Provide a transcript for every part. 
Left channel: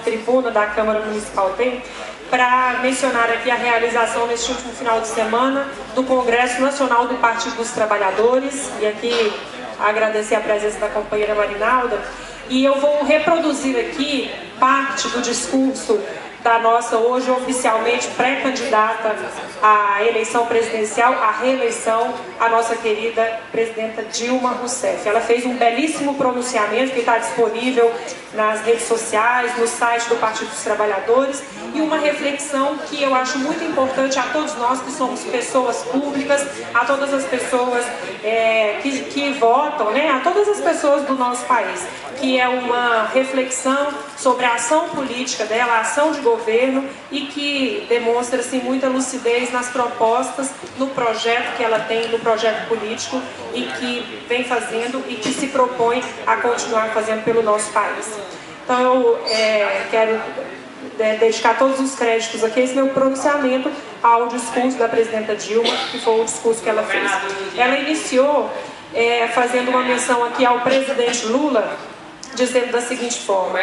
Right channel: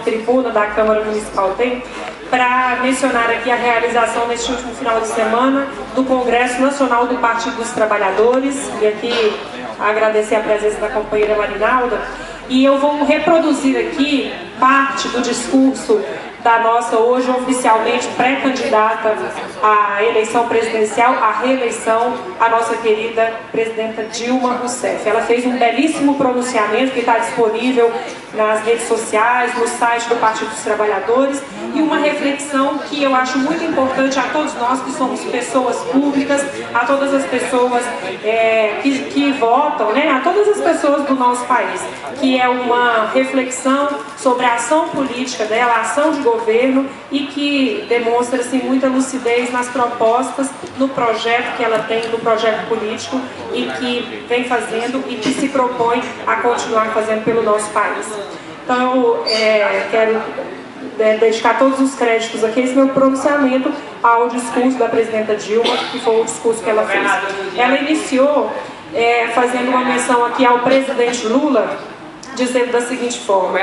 tribuna da Câmara Municipal tem, para mencionar aqui a realização neste último final de semana do Congresso Nacional do Partido dos Trabalhadores, e aqui agradecer a presença da companheira Marinalda, e eu vou reproduzir aqui parte do discurso da nossa, hoje oficialmente pré-candidata à eleição presidencial, à reeleição, a nossa querida presidenta Dilma Rousseff. Ela fez um belíssimo pronunciamento que está disponível nas redes sociais, no site do Partido dos Trabalhadores, e uma reflexão que eu acho muito importante a todos nós que somos pessoas públicas, a todas as pessoas que votam, né, a todas as pessoas do nosso país, que é uma reflexão sobre a ação política dela, a ação de governo, e que demonstra assim, muita lucidez nas propostas, no projeto que ela tem, no projeto político, e que vem fazendo e que se propõe a continuar fazendo pelo nosso país. Então, eu quero dedicar todos os créditos aqui, esse meu pronunciamento, ao discurso da presidenta Dilma, que foi o discurso que ela fez. Ela iniciou fazendo uma menção aqui ao presidente Lula, dizendo da seguinte forma:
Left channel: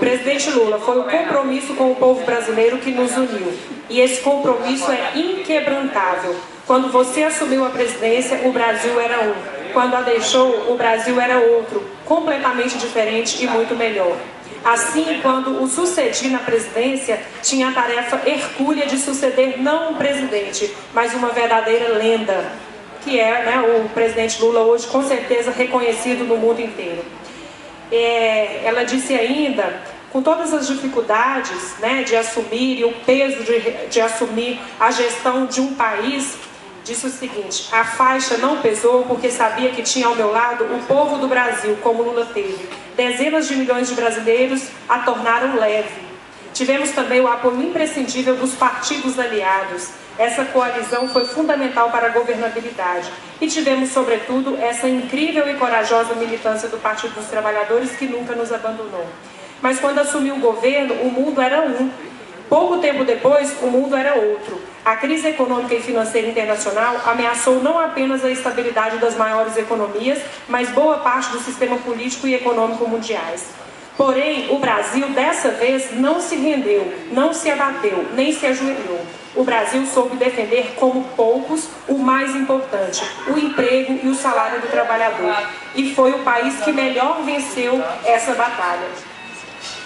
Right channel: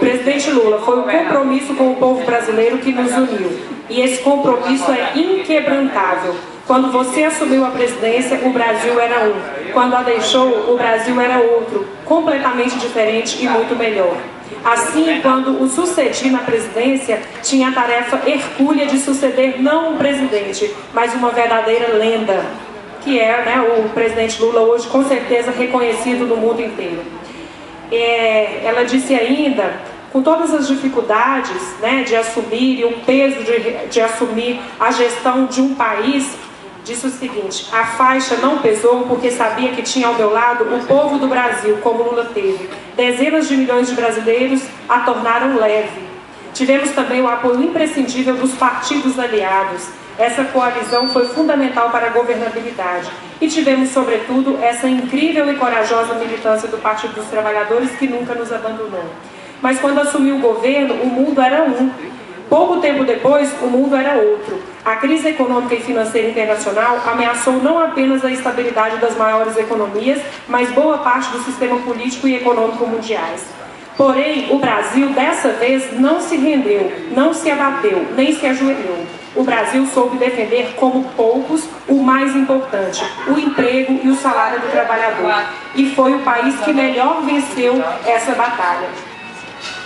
presidente Lula, foi o compromisso com o povo brasileiro que nos uniu, e esse compromisso é inquebrantável. Quando você assumiu a presidência, o Brasil era um. Quando a deixou, o Brasil era outro, completamente diferente e muito melhor. Assim, quando o sucedi na presidência, tinha a tarefa hercúlea de suceder não um presidente, mas uma verdadeira lenda, que é, né, o presidente Lula hoje, com certeza reconhecido no mundo inteiro. Ela disse ainda, com todas as dificuldades, né, de assumir e o peso de assumir a gestão de um país, disse o seguinte: a faixa não pesou porque sabia que tinha ao meu lado o povo do Brasil, como Lula teve. Dezenas de milhões de brasileiros a tornaram leve. Tivemos também o apoio imprescindível dos partidos aliados. Essa coalizão foi fundamental para a governabilidade. E tivemos, sobretudo, essa incrível e corajosa militância do Partido dos Trabalhadores, que nunca nos abandonou. Mas quando assumiu o governo, o mundo era um. Pouco tempo depois, o mundo era outro. A crise econômica e financeira internacional ameaçou não apenas a estabilidade das maiores economias, mas boa parte do sistema político e econômico mundiais. Porém, o Brasil, dessa vez, não se rendeu, não se abateu, nem se ajoelhou. O Brasil soube defender, como poucos, o mais importante: o emprego e o salário do trabalhador. E foi o país que melhor venceu essa batalha.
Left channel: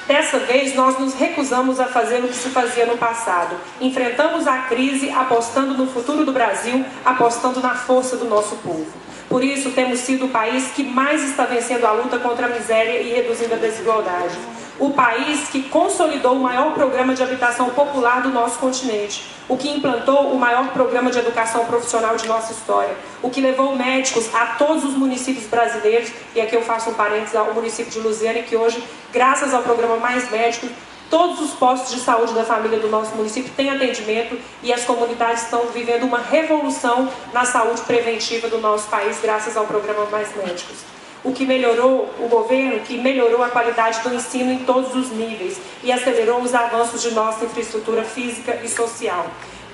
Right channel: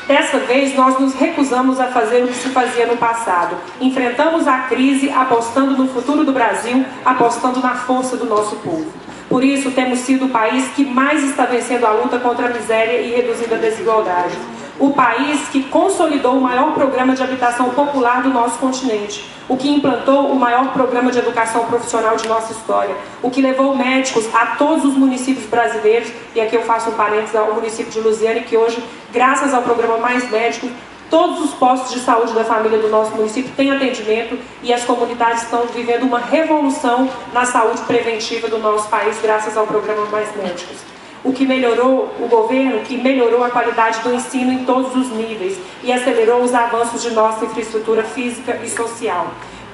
Dessa vez, nós nos recusamos a fazer o que se fazia no passado. Enfrentamos a crise apostando no futuro do Brasil, apostando na força do nosso povo. Por isso, temos sido o país que mais está vencendo a luta contra a miséria e reduzindo a desigualdade. O país que consolidou o maior programa de habitação popular do nosso continente, o que implantou o maior programa de educação profissional de nossa história, o que levou médicos a todos os municípios brasileiros, e aqui eu faço um parênteses ao município de Luziânia, que hoje, graças ao programa Mais Médicos, todos os postos de saúde da família do nosso município têm atendimento, e as comunidades estão vivendo uma revolução na saúde preventiva do nosso país, graças ao programa Mais Médicos. O que melhorou o governo, que melhorou a qualidade do ensino em todos os níveis e acelerou os avanços de nossa infraestrutura física e social.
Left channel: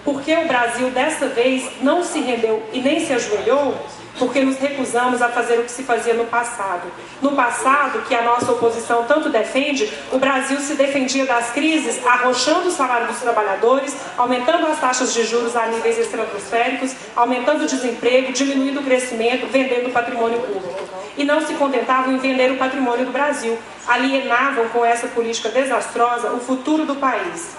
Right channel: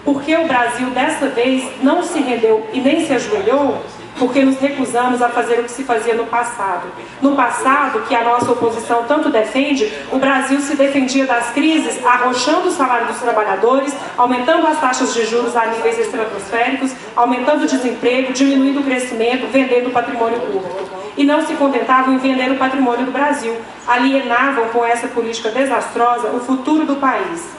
Porque o Brasil, dessa vez, não se rendeu e nem se ajoelhou, porque nos recusamos a fazer o que se fazia no passado. No passado, que a nossa oposição tanto defende, o Brasil se defendia das crises arrochando o salário dos trabalhadores, aumentando as taxas de juros a níveis estratosféricos, aumentando o desemprego, diminuindo o crescimento, vendendo o patrimônio público. E não se contentavam em vender o patrimônio do Brasil, alienavam com essa política desastrosa o futuro do país.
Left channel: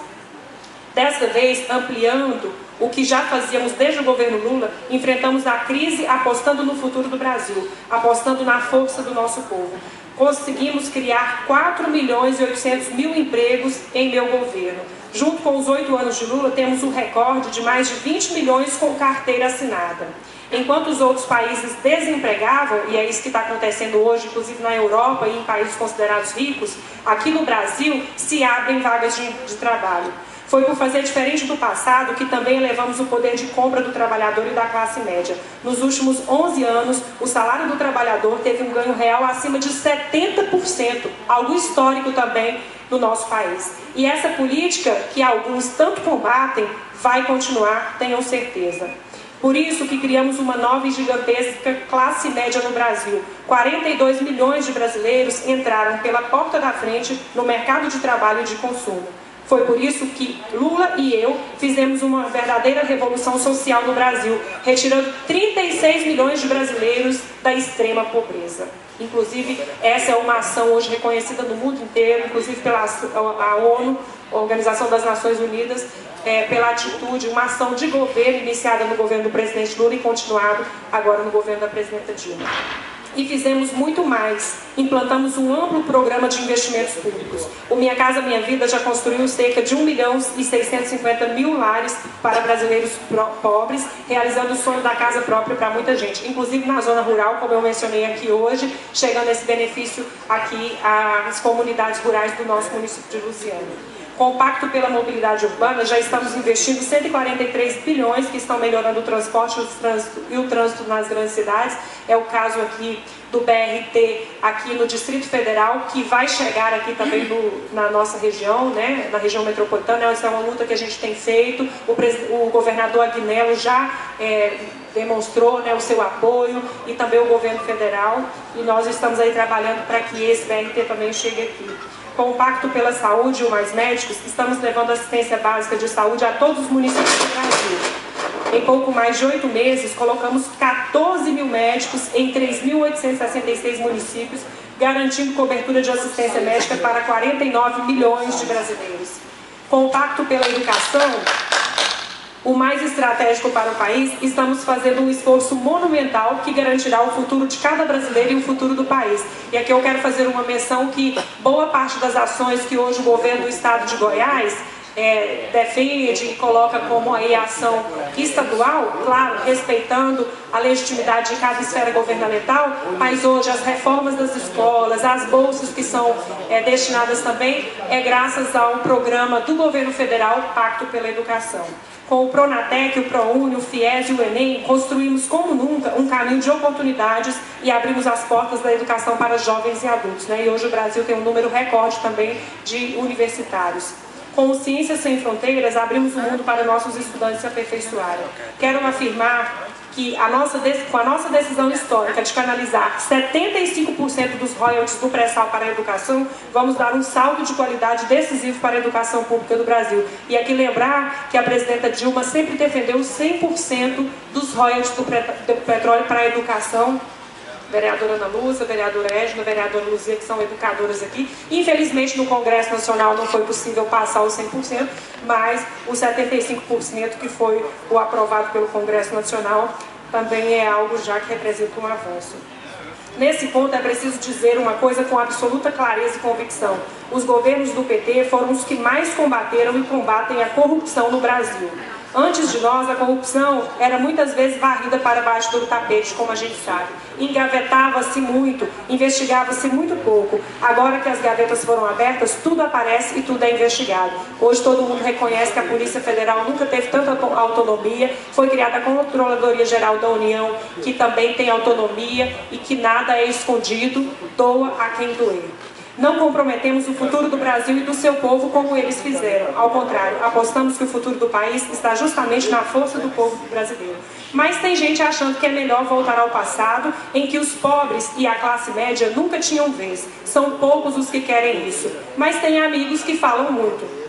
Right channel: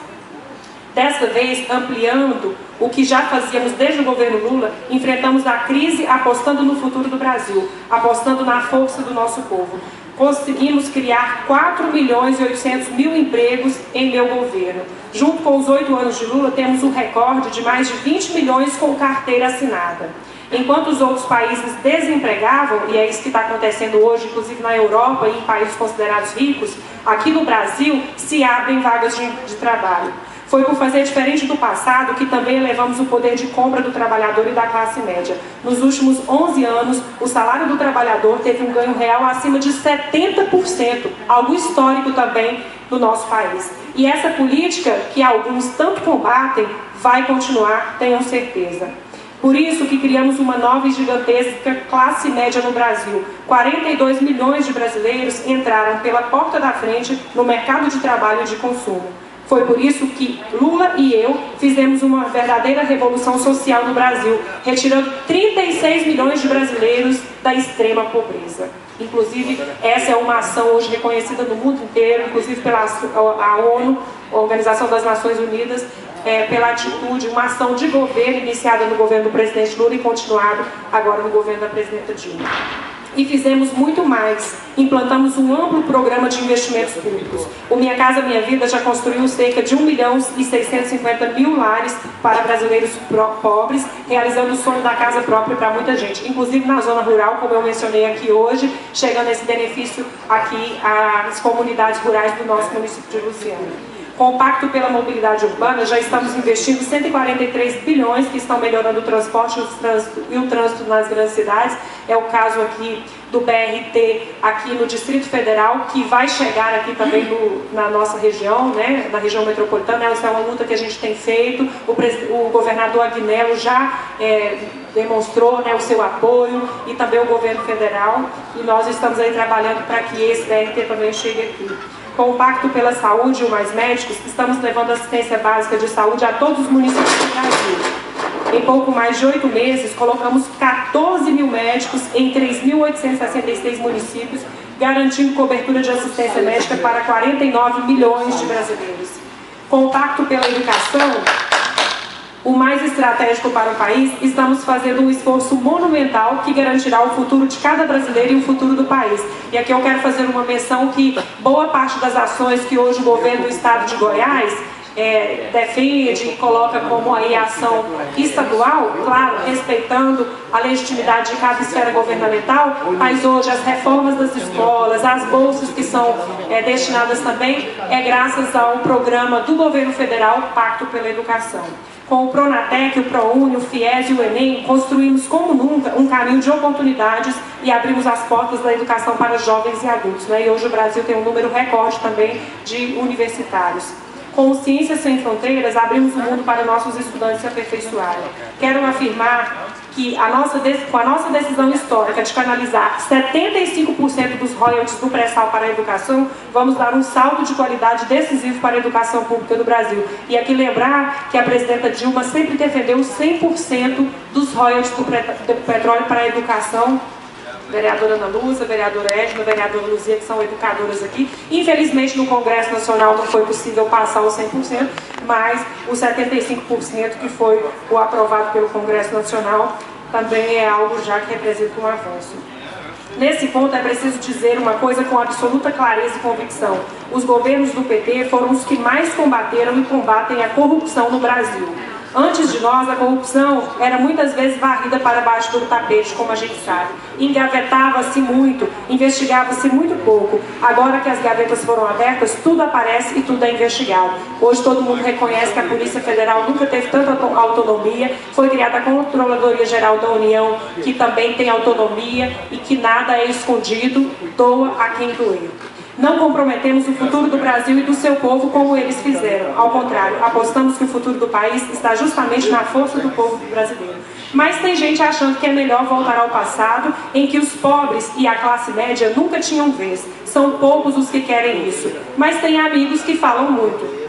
Dessa vez, ampliando o que já fazíamos desde o governo Lula, enfrentamos a crise apostando no futuro do Brasil, apostando na força do nosso povo. Conseguimos criar 4.800.000 empregos em meu governo. Junto com os 8 anos de Lula, temos um recorde de mais de 20 milhões com carteira assinada. Enquanto os outros países desempregavam, e é isso que está acontecendo hoje, inclusive na Europa e em países considerados ricos, aqui no Brasil se abrem vagas de trabalho. Foi por fazer diferente do passado que também elevamos o poder de compra do trabalhador e da classe média. Nos últimos 11 anos, o salário do trabalhador teve um ganho real acima de 70%, algo histórico também do nosso país. E essa política, que alguns tanto combatem, vai continuar, tenham certeza. Por isso que criamos uma nova e gigantesca classe média no Brasil. 42 milhões de brasileiros entraram pela porta da frente no mercado de trabalho e de consumo. Foi por isso que Lula e eu fizemos uma verdadeira revolução social no Brasil, retirando 36 milhões de brasileiros da extrema pobreza. Inclusive, essa é uma ação hoje reconhecida no mundo inteiro, inclusive pela ONU, a Organização das Nações Unidas, pela atitude, uma ação de governo iniciada no governo do presidente Lula e continuada agora no governo da presidenta Dilma. E fizemos muito mais. Implantamos um amplo programa de investimentos públicos. O Minha Casa Minha Vida já construiu cerca de 1.650.000 lares para brasileiros pobres, realizando o sonho da casa própria para muita gente, inclusive na zona rural, como eu mencionei aqui hoje, chegando esse benefício aqui às comunidades rurais do nosso município de Luciano. Com o Pacto pela Mobilidade Urbana, já estamos investindo 143 bilhões que estão melhorando o transporte e o trânsito nas grandes cidades. É o caso aqui do BRT aqui no Distrito Federal, que vai chegar aqui também na nossa região, né, na região metropolitana. Essa é uma luta que a gente tem feito. O governador Agnello já demonstrou, né, o seu apoio, e também o governo federal. E nós estamos aí trabalhando para que esse BRT também chegue aqui. Com o Pacto pela Saúde e o Mais Médicos, estamos levando assistência básica de saúde a todos os municípios do Brasil. Em pouco mais de 8 meses, colocamos 14 mil médicos em 3.866 municípios, garantindo cobertura de assistência médica para 49 milhões de brasileiros. Com o Pacto pela Educação, o mais estratégico para o país, estamos fazendo um esforço monumental que garantirá o futuro de cada brasileiro e o futuro do país. E aqui eu quero fazer uma menção que boa parte das ações que hoje o governo do estado de Goiás defende e coloca como aí ação estadual, claro, respeitando a legitimidade de cada esfera governamental, mas hoje as reformas das escolas, as bolsas que são destinadas também, graças ao programa do governo federal, Pacto pela Educação. Com o Pronatec, o ProUni, o FIES e o Enem, construímos como nunca um caminho de oportunidades e abrimos as portas da educação para jovens e adultos, né? E hoje o Brasil tem um número recorde também de universitários. Com o Ciências Sem Fronteiras, abrimos o mundo para nossos estudantes se aperfeiçoarem. Quero afirmar que com a nossa decisão histórica de canalizar 75% dos royalties do pré-sal para a educação, vamos dar um salto de qualidade decisivo para a educação pública do Brasil. E aqui lembrar que a presidenta Dilma sempre defendeu 100% dos royalties do petróleo para a educação. Vereadora Ana Lúcia, vereadora Edna, vereadora Luzia, que são educadoras aqui. Infelizmente, no Congresso Nacional não foi possível passar os 100%, mas os 75% que foi o aprovado pelo Congresso Nacional também é algo já que representa um avanço. Nesse ponto, é preciso dizer uma coisa com absoluta clareza e convicção. Os governos do PT foram os que mais combateram e combatem a corrupção no Brasil. Antes de nós, a corrupção era muitas vezes varrida para baixo do tapete, como a gente sabe. Engavetava-se muito, investigava-se muito pouco. Agora que as gavetas foram abertas, tudo aparece e tudo é investigado. Hoje todo mundo reconhece que a Polícia Federal nunca teve tanta autonomia. Foi criada a Controladoria Geral da União, que também tem autonomia e que nada é escondido, doa a quem doer. Não comprometemos o futuro do Brasil e do seu povo como eles fizeram. Ao contrário, apostamos que o futuro do país está justamente na força do povo brasileiro. Mas tem gente achando que é melhor voltar ao passado, em que os pobres e a classe média nunca tinham vez. São poucos os que querem isso. Mas tem amigos que falam muito.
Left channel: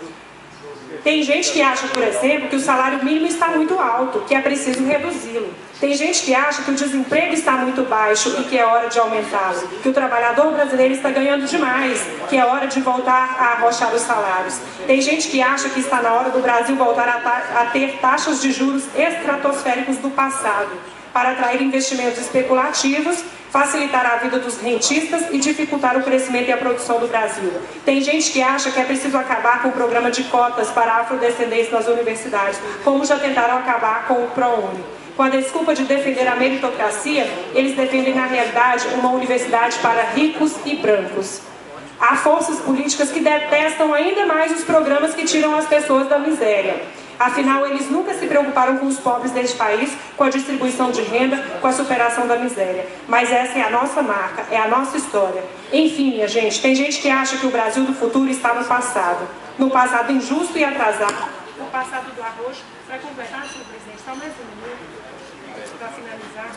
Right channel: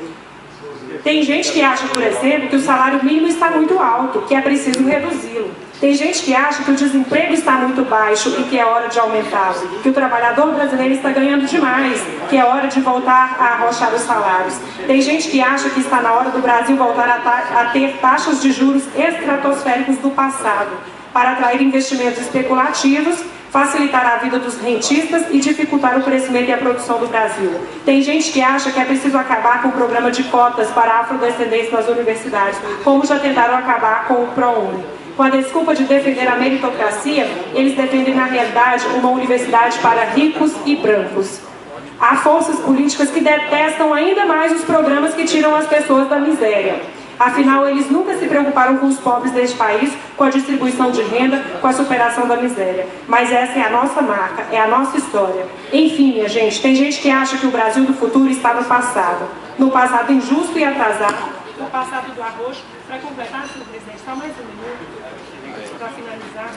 Tem gente que acha, por exemplo, que o salário mínimo está muito alto, que é preciso reduzi-lo. Tem gente que acha que o desemprego está muito baixo e que é hora de aumentá-lo, que o trabalhador brasileiro está ganhando demais, que é hora de voltar a arrochar os salários. Tem gente que acha que está na hora do Brasil voltar a ter taxas de juros estratosféricos do passado, para atrair investimentos especulativos, facilitar a vida dos rentistas e dificultar o crescimento e a produção do Brasil. Tem gente que acha que é preciso acabar com o programa de cotas para afrodescendentes nas universidades, como já tentaram acabar com o ProUni. Com a desculpa de defender a meritocracia, eles defendem, na realidade, uma universidade para ricos e brancos. Há forças políticas que detestam ainda mais os programas que tiram as pessoas da miséria. Afinal, eles nunca se preocuparam com os pobres deste país, com a distribuição de renda, com a superação da miséria. Mas essa é a nossa marca, é a nossa história. Enfim, minha gente, tem gente que acha que o Brasil do futuro está no passado injusto e atrasado, no passado do arroz. Para completar, senhor presidente, só mais um minuto. para finalizar,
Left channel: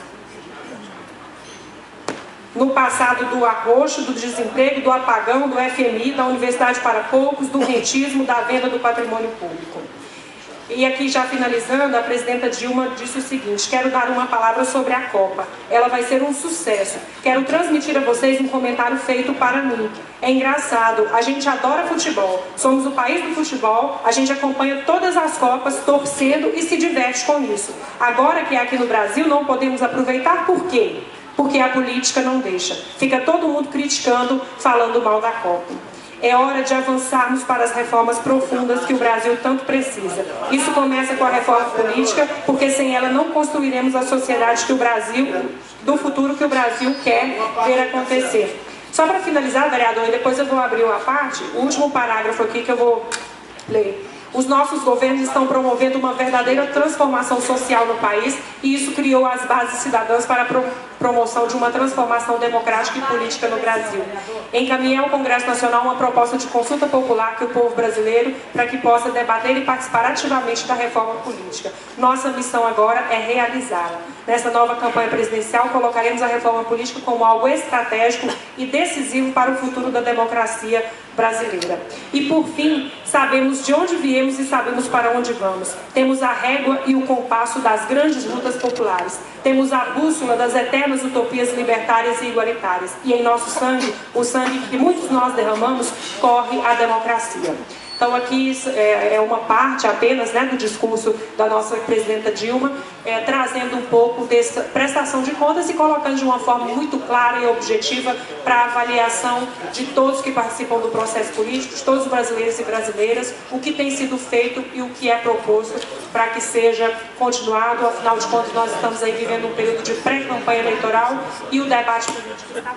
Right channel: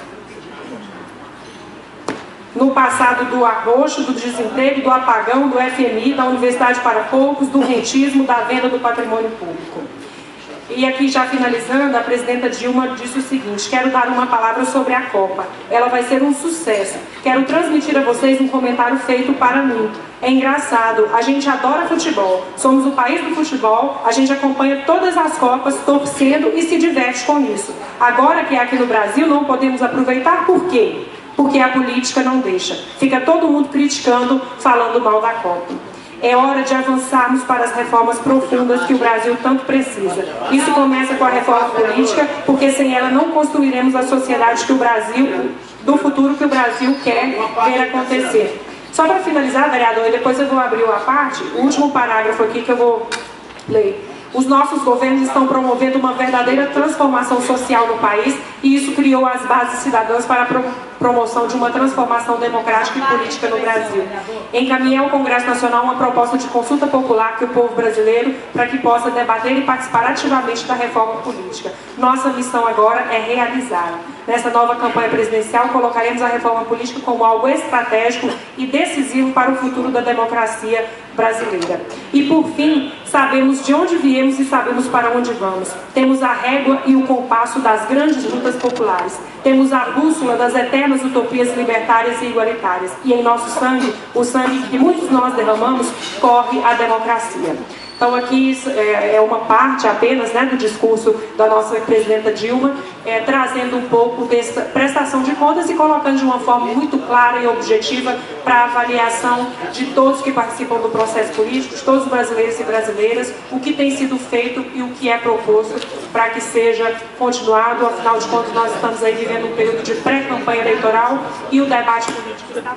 no passado do arroxo, do desemprego, do apagão, do FMI, da Universidade para Poucos, do rentismo, da venda do patrimônio público. E aqui, já finalizando, a presidenta Dilma disse o seguinte: quero dar uma palavra sobre a Copa. Ela vai ser um sucesso. Quero transmitir a vocês um comentário feito para mim. É engraçado, a gente adora futebol, somos o país do futebol, a gente acompanha todas as Copas, torcendo e se diverte com isso. Agora que é aqui no Brasil, não podemos aproveitar, por quê? Porque a política não deixa. Fica todo mundo criticando, falando mal da Copa. É hora de avançarmos para as reformas profundas que o Brasil tanto precisa. Isso começa com a reforma política, porque sem ela não construiremos a sociedade que o Brasil, do futuro que o Brasil quer ver acontecer. Só para finalizar, vereador, e depois eu vou abrir uma parte, o último parágrafo aqui que eu vou ler. Os nossos governos estão promovendo uma verdadeira transformação social no país e isso criou as bases cidadãs para a promoção de uma transformação democrática e política no Brasil. Encaminhei ao Congresso Nacional uma proposta de consulta popular que o povo brasileiro para que possa debater e participar ativamente da reforma política. Nossa missão agora é realizá-la. Nessa nova campanha presidencial, colocaremos a reforma política como algo estratégico e decisivo para o futuro da democracia brasileira. E, por fim, sabemos de onde viemos e sabemos para onde vamos. Temos a régua e o compasso das grandes lutas populares. Temos a bússola das eternas utopias libertárias e igualitárias. E em nosso sangue, o sangue que muitos de nós derramamos, corre a democracia. Então aqui é uma parte apenas, né, do discurso da nossa presidenta Dilma, trazendo um pouco dessa prestação de contas e colocando de uma forma muito clara e objetiva para a avaliação de todos que participam do processo político, de todos os brasileiros e brasileiras, o que tem sido feito e o que é proposto para que seja continuado. Afinal de contas, nós estamos aí vivendo um período de pré-campanha eleitoral e o debate político está